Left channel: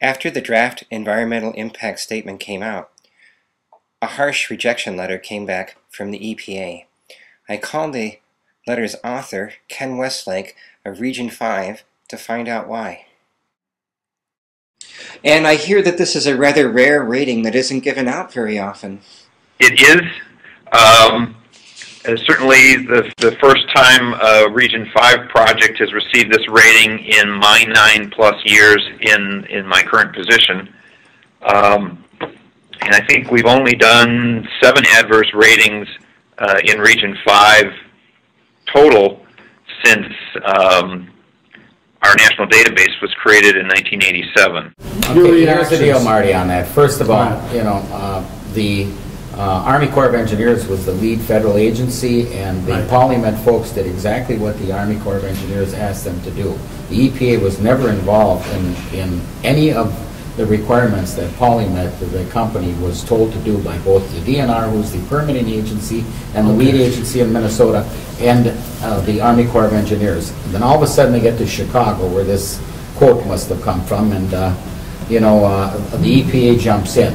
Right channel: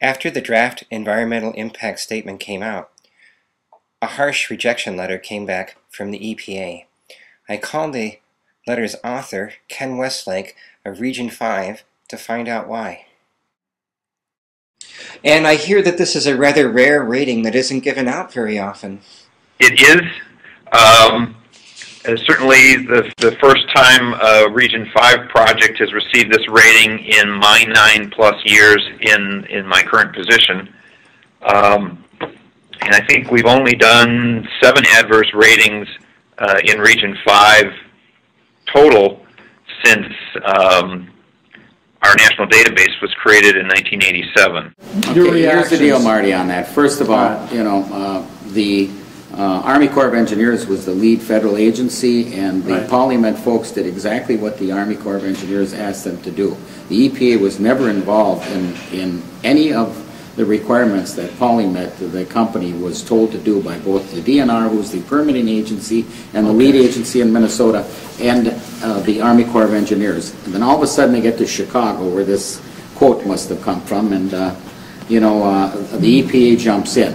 After the draft environmental impact statement came out, a harsh rejection letter came back from the EPA. I called the letter's author, Ken Westlake of Region 5, to find out why. And I hear that this is a rather rare rating that isn't given out very often. It is. Certainly the first time a Region 5 project has received this rating in my 9+ years in my current position. And I think we've only done 7 adverse ratings in Region 5 total since our national database was created in 1987. Okay, here's the deal, Marty, on that. First of all, you know, the Army Corps of Engineers was the lead federal agency, and the Polymet folks did exactly what the Army Corps of Engineers asked them to do. The EPA was never involved in any of the requirements that Polymet, the company, was told to do by both the DNR, who's the permitting agency, and the lead agency in Minnesota, and the Army Corps of Engineers. And then all of a sudden they get to Chicago, where this quote must have come from, and you know, the EPA jumps in.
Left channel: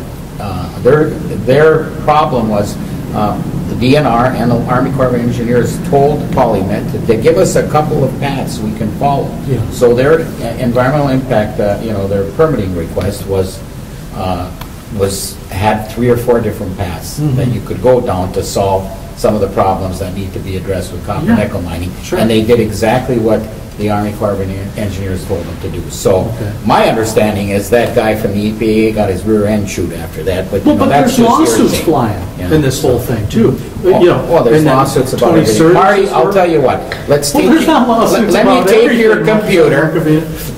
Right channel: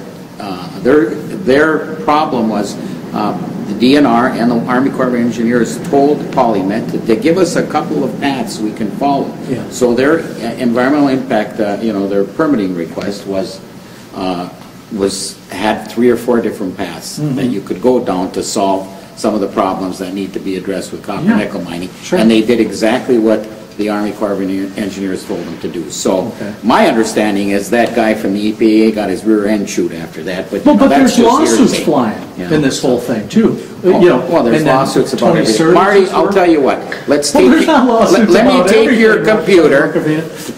Their problem was the DNR and the Army Corps of Engineers told Polymet to give us a couple of paths we can follow. Yeah. So their environmental impact, you know, their permitting request had 3 or 4 different paths that you could go down to solve some of the problems that need to be addressed with copper nickel mining. Sure. And they did exactly what the Army Corps of Engineers told them to do. So my understanding is that guy from the EPA got his rear end chewed after that. But, but there's lawsuits flying in this whole thing too. You know, well, there's lawsuits about it. Marty, I'll tell you what. Let's take. Let me take your computer,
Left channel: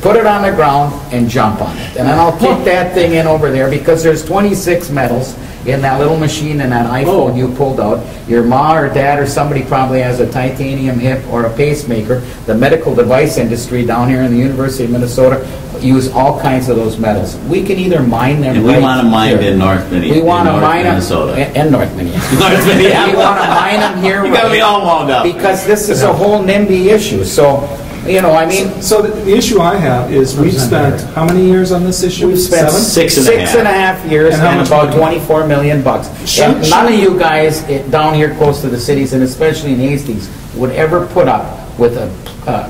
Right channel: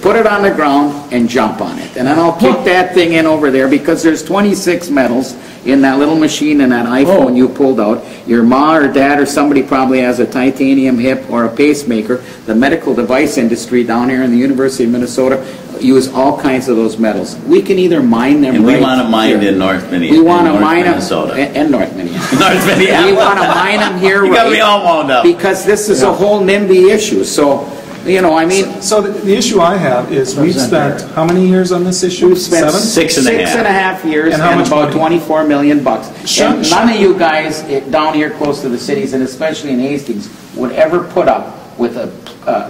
put it on the ground, and jump on it, and then I'll kick that thing in over there, because there's 26 metals in that little machine in that iPhone you pulled out. Your ma or dad or somebody probably has a titanium hip or a pacemaker. The medical device industry down here in the University of Minnesota use all kinds of those metals. We can either mine them and we want to mine in North Minnesota. We want to mine them in North Minnesota. North Minnesota. We want to mine them here. You got me all wound up. Because this is a whole NIMBY issue. So, you know, I mean... So the issue I have is we've spent how many years on this issue? We've spent 6 and a half years and about $24 million. And none of you guys down here close to the cities, and especially in Hastings, would ever put up with a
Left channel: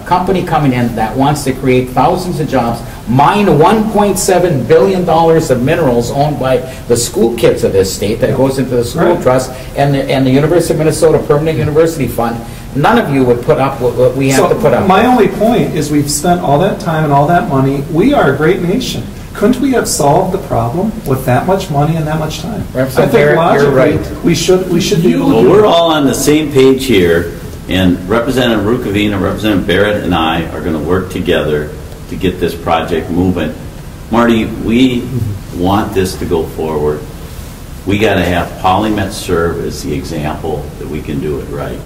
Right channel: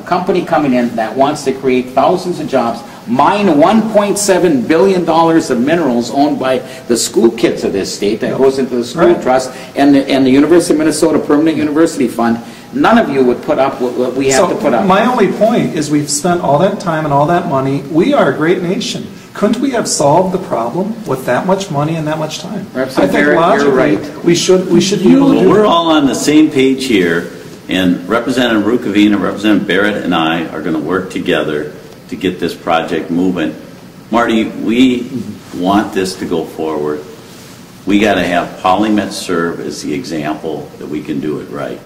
company coming in that wants to create thousands of jobs, mine $1.7 billion of minerals owned by the school kids of this state that goes into the school trust and the University of Minnesota Permanent University Fund. None of you would put up what we have to put up. My only point is we've spent all that time and all that money. We are a great nation. Couldn't we have solved the problem with that much money and that much time? I think Barrett, logically you're right. we should be able to do it. We're all on the same page here, and Representative Rukavina, Representative Barrett, and I are going to work together to get this project moving. Marty, we want this to go forward. We got to have Polymet serve as the example that we can do it right.